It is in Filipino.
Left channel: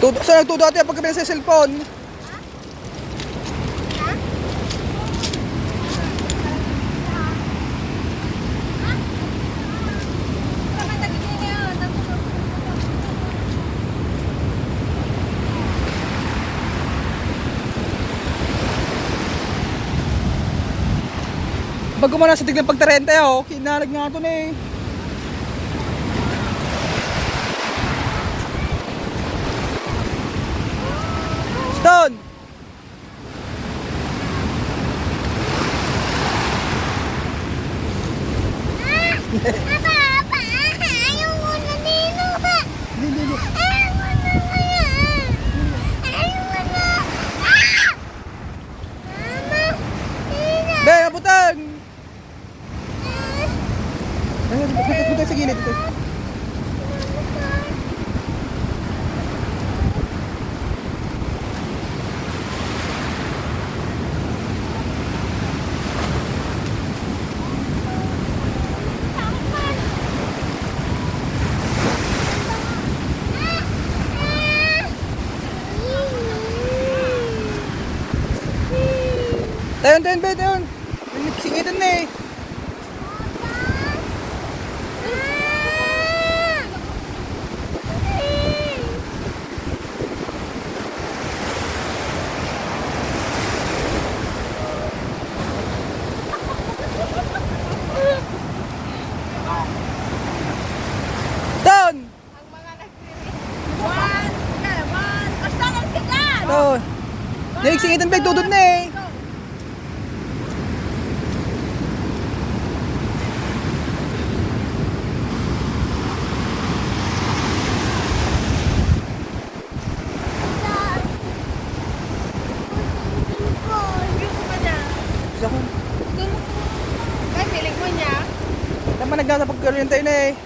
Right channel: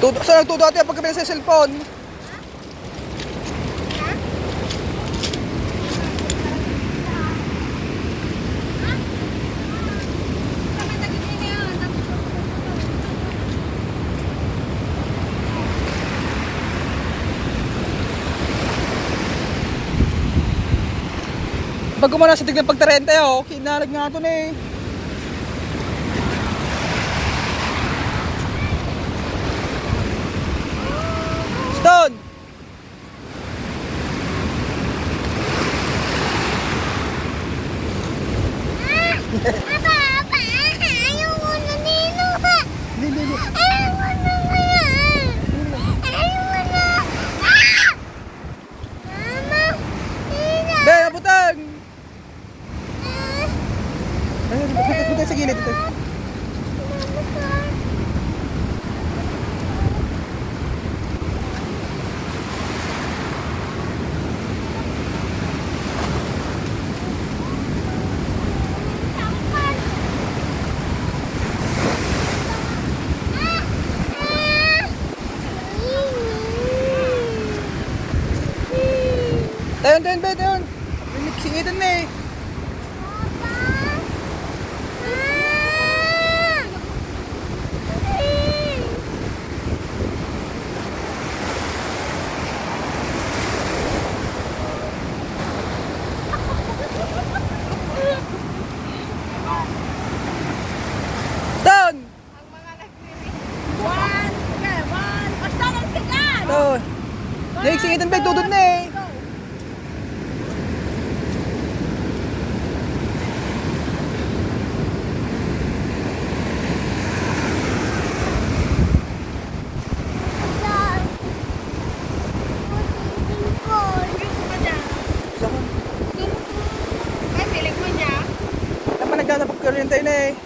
Saan nagtudo ate pagkabila sa cellphone? Bago mo na sa tignan pagtarente oh, kinarag nga ito na eh. Stone! Apa, ayaw mo na dito. Hindi. Ayaw mo na kaya. Ayaw mo na. Be, nabutan! Ayun, butay sa gilid ito. Tayon, be, tayon. Singitan na eh. Stone! Ang mga nagsirit. One. Basta nagsirit. Stone! Singitan be, tudod na eh. Saan? Ay, piling mo niya. Saan pa nagdadapag-kuryente na eh.